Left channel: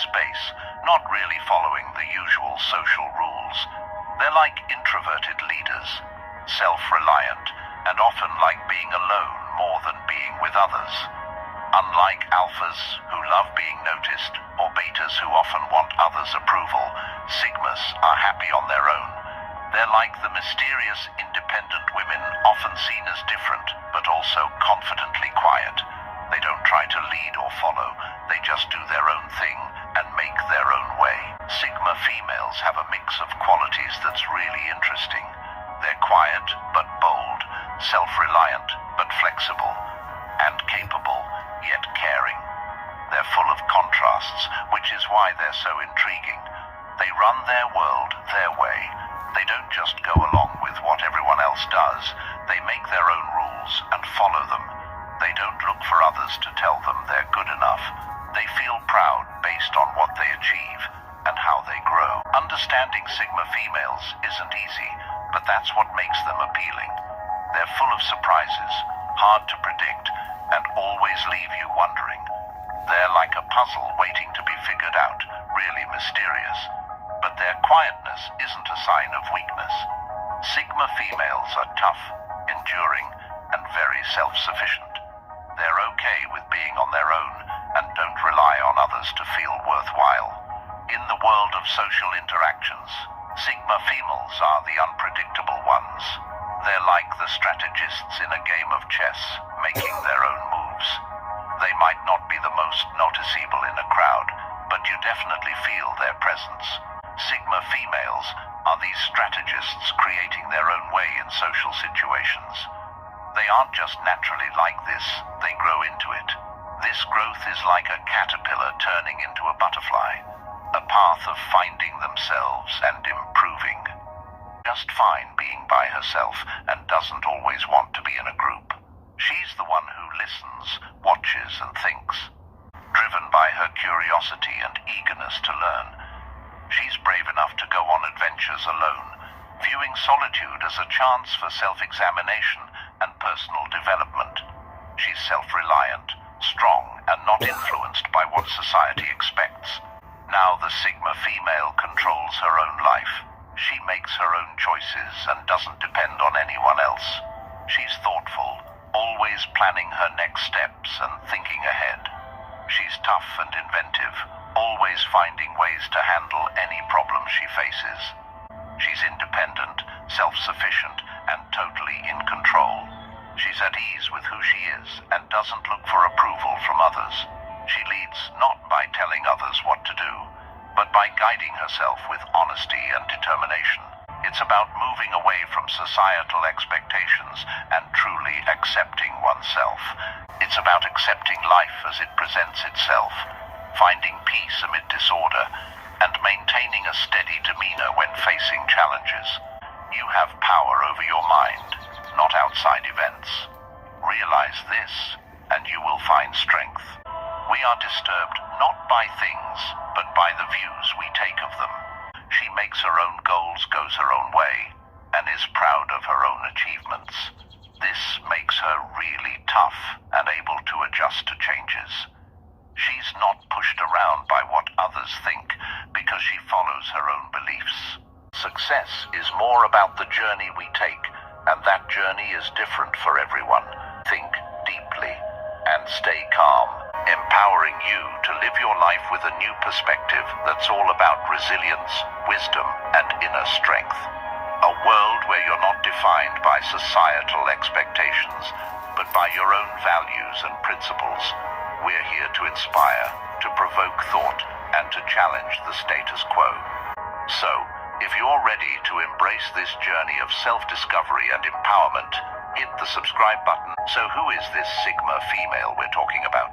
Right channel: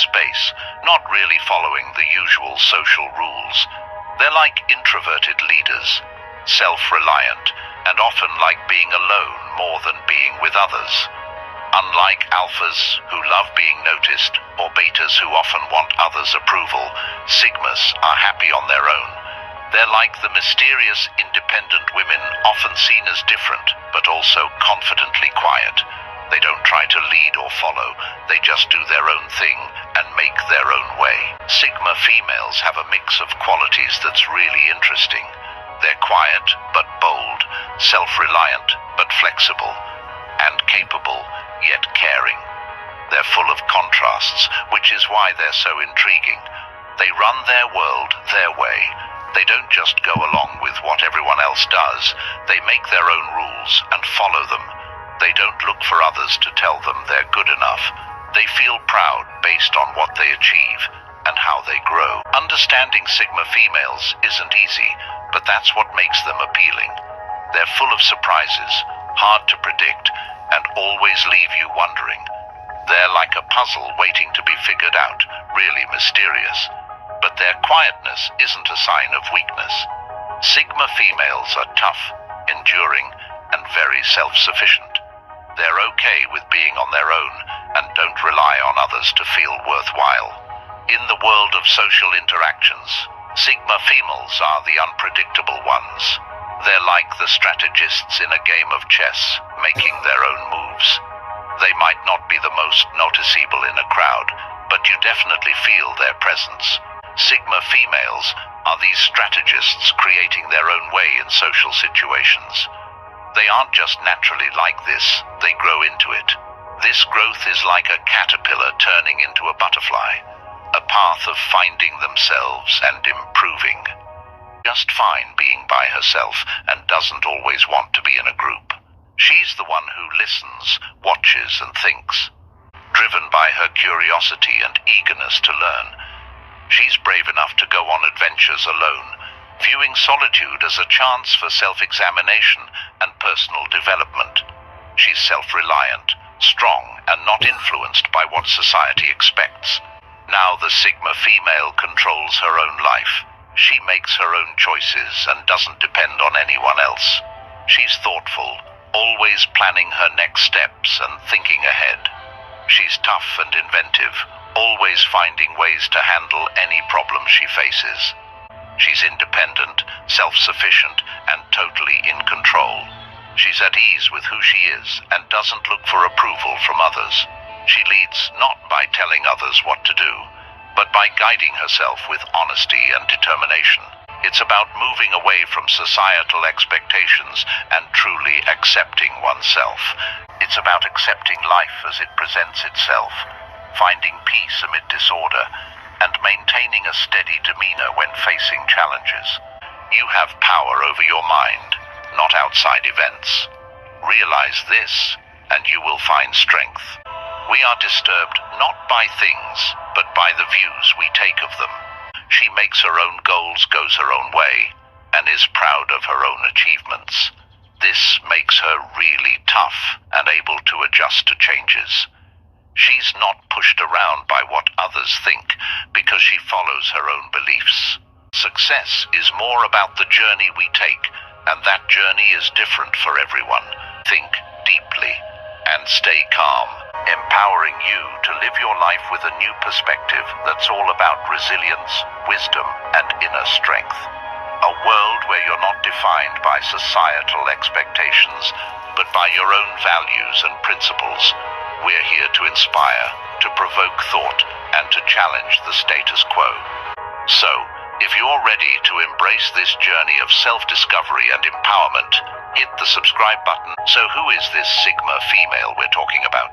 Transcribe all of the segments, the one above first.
space, not really following the usual social rules. They're like introverted leaders, self-reliant, and often like being alone more than being with others. Unlike alphas, who love being noticed, or betas who often want others' approval, sigmas are happy on their own. They're like the mysterious, independent women, often seen as different, but also confidently quiet. They don't try to lead or follow, they just do their own thing and make their own way. Sigma females have a mix of qualities that's really interesting. They're quiet but bold, self-reliant but flexible, and capable yet caring. They're full of contrasts, which is why they're so intriguing. They run their world their way. They don't just go along with what everyone else does. They make their own rules and follow them. They don't look for others to tell them they're good enough. They feel proud based on what they achieve and how they grow. Understanding Sigma females isn't easy, but that's what makes them appealing. They're full of surprises, hard to predict, and always leave you wondering. They're like a puzzle waiting to be figured out, really mysterious. But their quietness isn't a sign of weakness. Sigma females are tough, enduring, and very self-sufficient. They're okay with being on their own and don't rely on others to feel worthwhile. In the world of social interactions, Sigma females are the unpredictable ones. They're like the strategists in a game of chess, making their own moves. They might not be the most noticeable in a crowd, but you definitely feel their presence. Sigma females are these strategists creating their own way in social situations. They aren't just naturally like this, they grow into it. This growth is like a caterpillar turning into a butterfly, a path of finding themselves and improving. Just fine being by herself and doesn't always want to be in a group. She's the one who listens, watches, and thinks. Driven by her curiosity and eagerness to learn, she's brave enough to go on adventures alone, viewing solitude as a chance for self-examination and personal development. She's self-reliant, strong, and not influenced by what society expects. Now the Sigma female controls her own life. She makes her own choices and doesn't depend on anyone else. She's thoughtful, always planning her next steps and thinking ahead. She's tough and inventive, always finding ways to handle any problem she faces. She's independent, self-sufficient, and totally in control. She's at ease with who she is and doesn't look for approval from others. She leads not by telling others what to do, but by guiding herself with honesty and determination. It's about moving away from societal expectations and truly accepting oneself. It's about accepting life as it presents itself, finding peace amid disorder, and maintaining a steady demeanor when facing challenges. You have power over your mind, not outside events. Realize this, and you will find strength. We are disturbed not by things, but by the views we take of them. She makes her own goals, goes her own way, and is proud of her own achievements. This makes her really tough and able to adjust to changes. She's not pushed around by what others think because she follows her own beliefs. Success is more about the journey we take, and that journey is different for everyone. Think deeply and stay calm, empowering you to live your life with a new perspective that's all about resilience, wisdom, and inner strength. A world where you're not defined by societal expectations, but by your own values and principles. We're here to inspire, to provoke thought, and to challenge the status quo. So, if you're ready to embrace this journey of self-discovery and empowerment, hit the subscribe button. So who is this Sigma female we're talking about?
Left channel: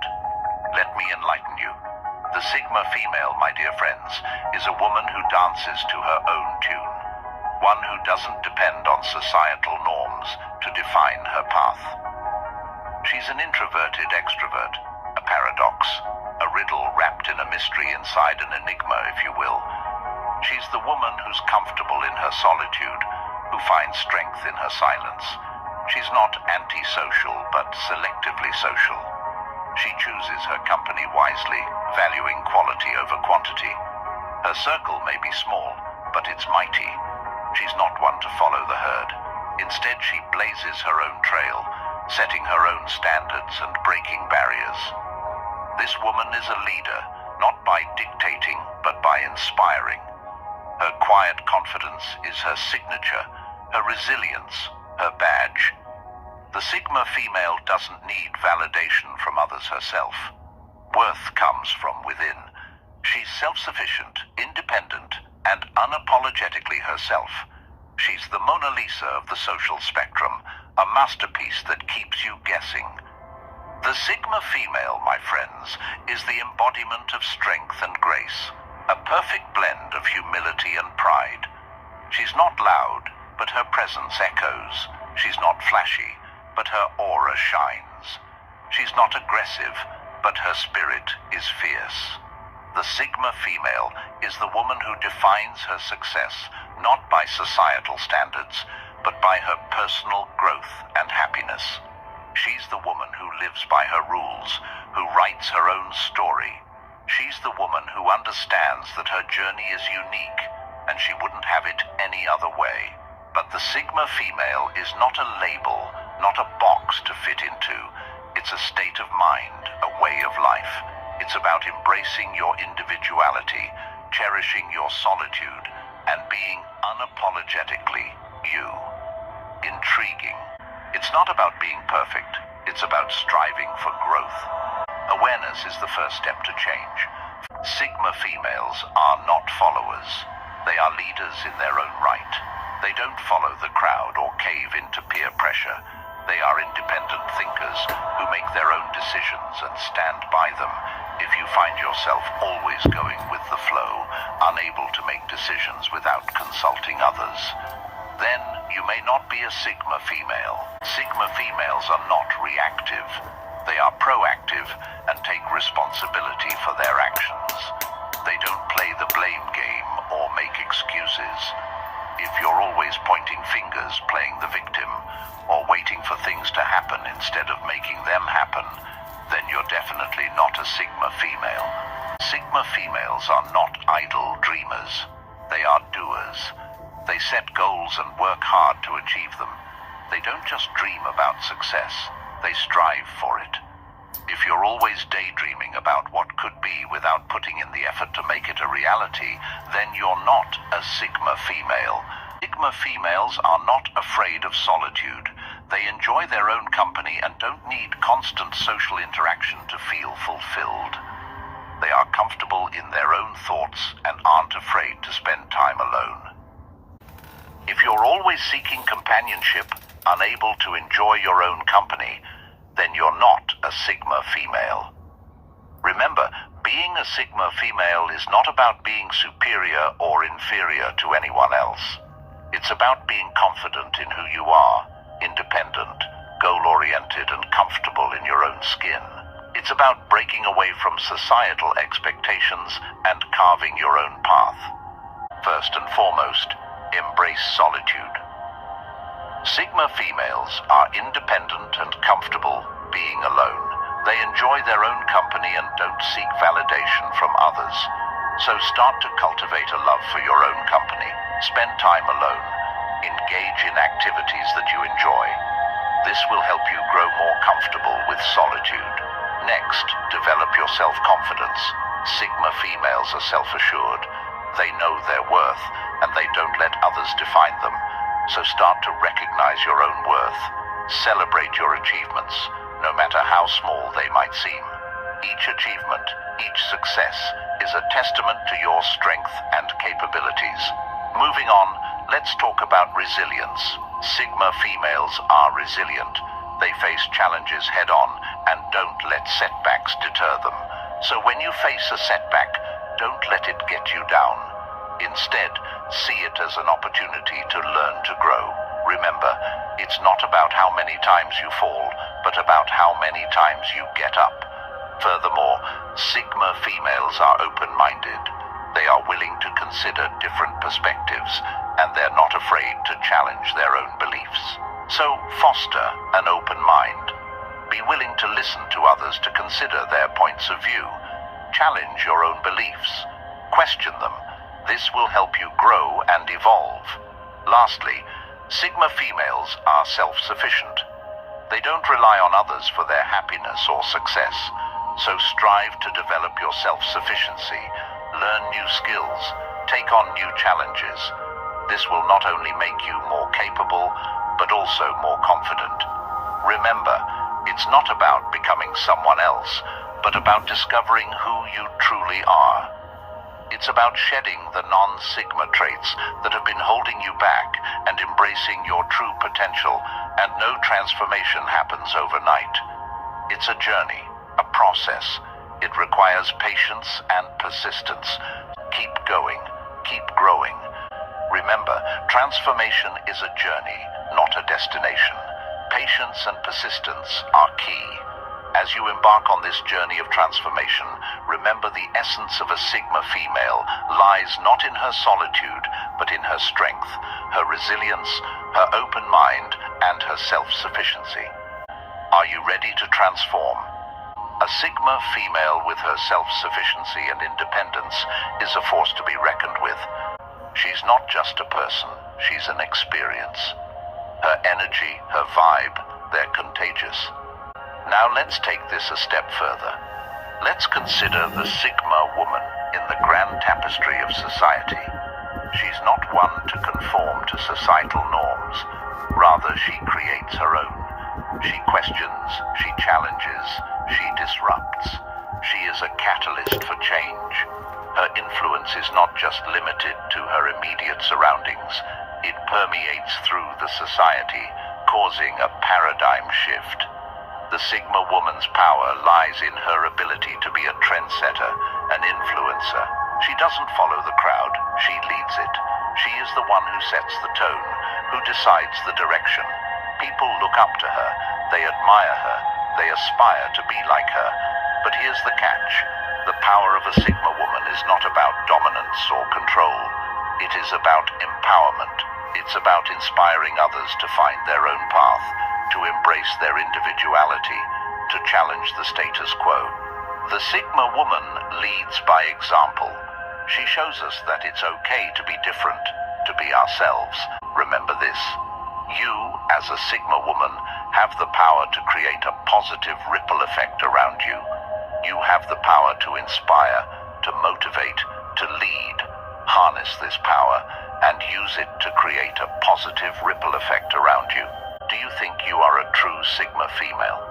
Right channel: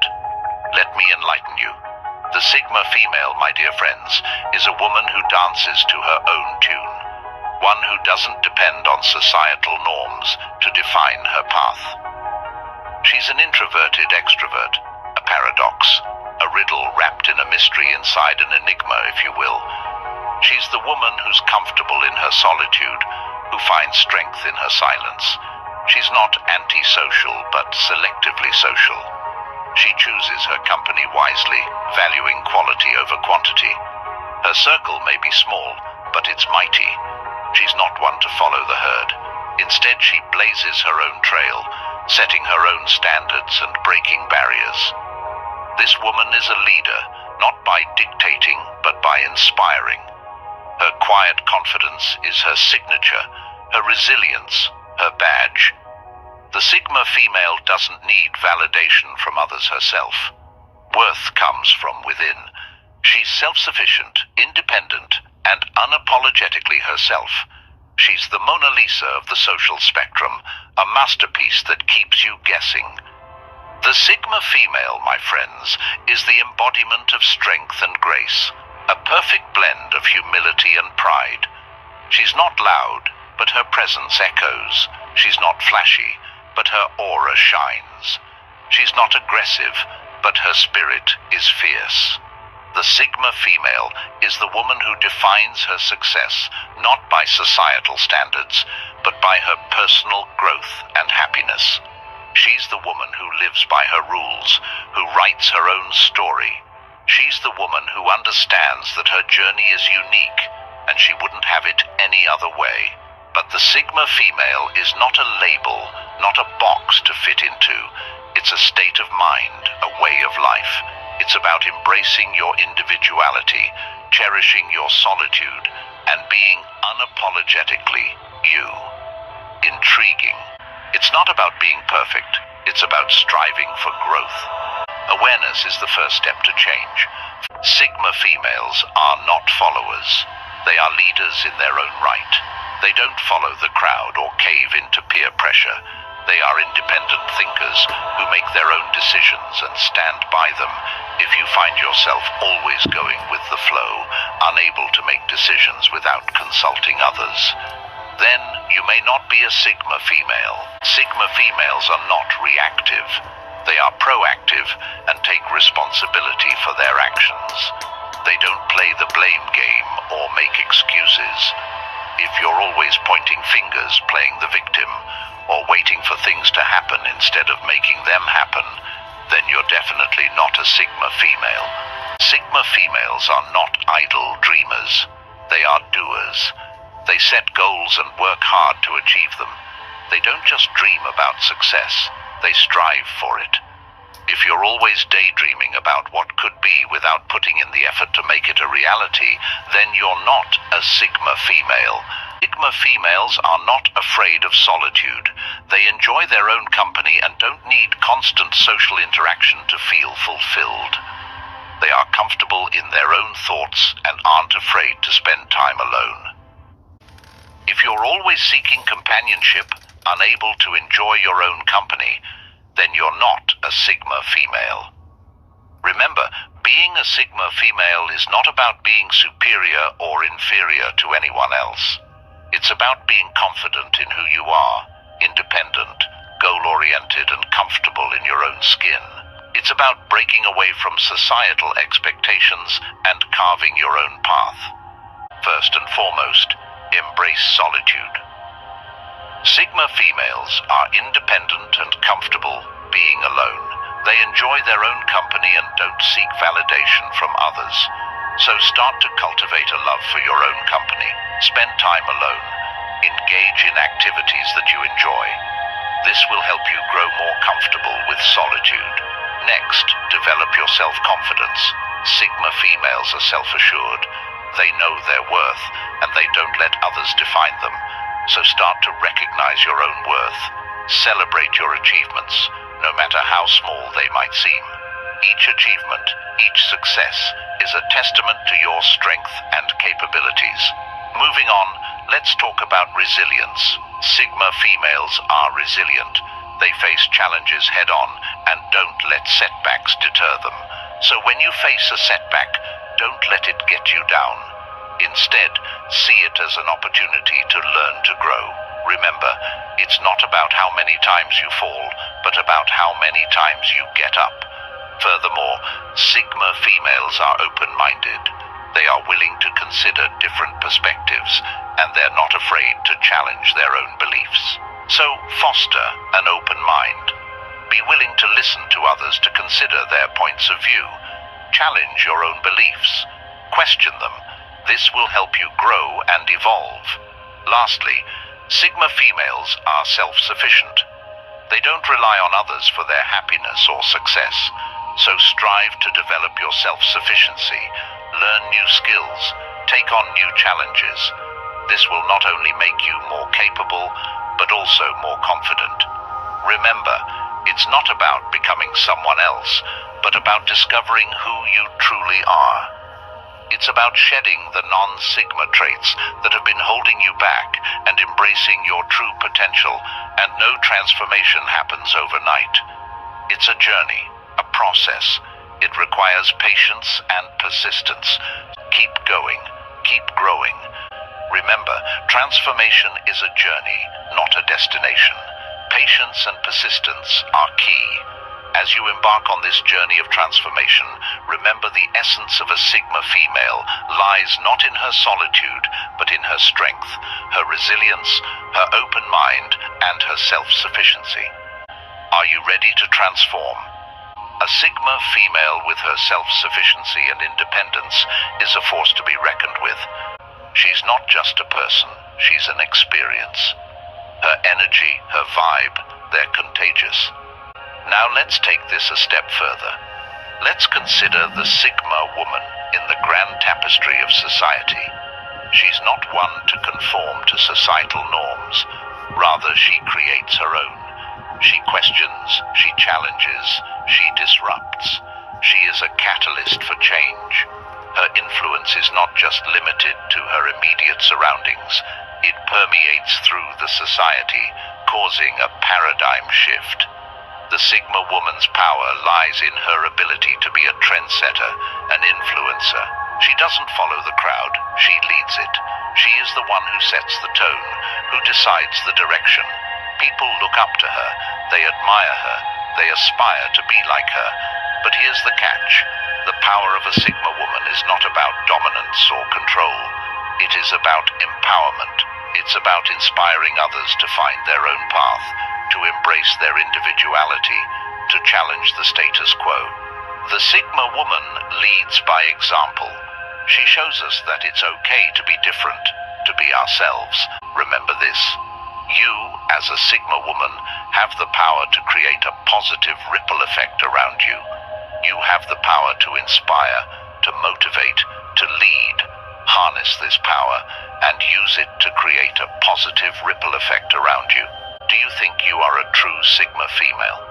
Let me enlighten you. The Sigma female, my dear friends, is a woman who dances to her own tune. One who doesn't depend on societal norms to define her path. She's an introverted extrovert, a paradox, a riddle wrapped in a mystery inside an enigma, if you will. She's the woman who's comfortable in her solitude, who finds strength in her silence. She's not antisocial, but selectively social. She chooses her company wisely, valuing quality over quantity. Her circle may be small, but it's mighty. She's not one to follow the herd. Instead, she blazes her own trail, setting her own standards and breaking barriers. This woman is a leader, not by dictating, but by inspiring. Her quiet confidence is her signature, her resilience, her badge. The Sigma female doesn't need validation from others herself. Worth comes from within. She's self-sufficient, independent, and unapologetically herself. She's the Mona Lisa of the social spectrum, a masterpiece that keeps you guessing. The Sigma female, my friends, is the embodiment of strength and grace, a perfect blend of humility and pride. She's not loud, but her presence echoes. She's not flashy, but her aura shines. She's not aggressive, but her spirit is fierce. The Sigma female is the woman who defines her success not by societal standards, but by her personal growth and happiness. She's the woman who lives by her rules, who writes her own story. She's the woman who understands that her journey is unique, and she wouldn't have it any other way. But the Sigma female is not a label, not a box to fit into. It's a state of mind, a way of life. It's about embracing your individuality, cherishing your solitude, and being unapologetically you. Intriguing. It's not about being perfect. It's about striving for growth. Awareness is the first step to change. Sigma females are not followers. They are leaders in their own right. They don't follow the crowd or cave into peer pressure. They are independent thinkers who make their own decisions and stand by them. If you find yourself always going with the flow, unable to make decisions without consulting others, then you may not be a Sigma female. Sigma females are not reactive. They are proactive and take responsibility for their actions. They don't play the blame game or make excuses. If you're always pointing fingers, playing the victim, or waiting for things to happen instead of making them happen, then you're definitely not a Sigma female. Sigma females are not idle dreamers. They are doers. They set goals and work hard to achieve them. They don't just dream about success, they strive for it. If you're always daydreaming about what could be without putting in the effort to make it a reality, then you're not a Sigma female. Sigma females are not afraid of solitude. They enjoy their own company and don't need constant social interaction to feel fulfilled. They are comfortable in their own thoughts and aren't afraid to spend time alone. If you're always seeking companionship, unable to enjoy your own company, then you're not a Sigma female. Remember, being a Sigma female is not about being superior or inferior to anyone else. It's about being confident in who you are, independent, goal-oriented, and comfortable in your own skin. It's about breaking away from societal expectations and carving your own path. First and foremost, embrace solitude. Sigma females are independent and comfortable being alone. They enjoy their own company and don't seek validation from others. So start to cultivate a love for your own company. Spend time alone. Engage in activities that you enjoy. This will help you grow more comfortable with solitude. Next, develop your self-confidence. Sigma females are self-assured. They know their worth, and they don't let others define them. So start to recognize your own worth. Celebrate your achievements, no matter how small they might seem. Each achievement, each success, is a testament to your strength and capabilities. Moving on, let's talk about resilience. Sigma females are resilient. They face challenges head-on and don't let setbacks deter them. So when you face a setback, don't let it get you down. Instead, see it as an opportunity to learn to grow. Remember, it's not about how many times you fall, but about how many times you get up. Furthermore, Sigma females are open-minded. They are willing to consider different perspectives, and they're not afraid to challenge their own beliefs. So foster an open mind. Be willing to listen to others to consider their points of view. Challenge your own beliefs. Question them. This will help you grow and evolve. Lastly, Sigma females are self-sufficient. They don't rely on others for their happiness or success, so strive to develop your self-sufficiency, learn new skills, take on new challenges. This will not only make you more capable, but also more confident. Remember, it's not about becoming someone else, but about discovering who you truly are. It's about shedding the non-Sigma traits that have been holding you back and embracing your true potential, and no transformation happens overnight. It's a journey, a process. It requires patience and persistence. Keep going, keep growing. Remember, transformation is a journey, not a destination. Patience and persistence are key. As you embark on this journey of transformation, remember the essence of a Sigma female lies not in her solitude, but in her strength, her resilience, her open mind, and her self-sufficiency. Are you ready to transform? A Sigma female with her self-sufficiency and independence is a force to be reckoned with. She's not just a person, she's an experience. Her energy, her vibe, they're contagious. Now let's take this a step further. Let's consider the Sigma woman in the grand tapestry of society. She's not one to conform to societal norms. Rather, she creates her own. She questions, she challenges, she disrupts. She is a catalyst for change. Her influence is not just limited to her immediate surroundings. It permeates through the society, causing a paradigm shift. The Sigma woman's power lies in her ability to be a trendsetter, an influencer. She doesn't follow the crowd, she leads it. She is the one who sets the tone, who decides the direction. People look up to her, they admire her, they aspire to be like her. But here's the catch. The power of a Sigma woman is not about dominance or control. It is about empowerment. It's about inspiring others to find their own path, to embrace their individuality, to challenge the status quo. The Sigma woman leads by example. She shows us that it's okay to be different, to be ourselves. Remember this. You, as a Sigma woman, have the power to create a positive ripple effect around you. You have the power to inspire, to motivate, to lead. Harness this power and use it to create a positive ripple effect around you. Do you think you are a true Sigma female?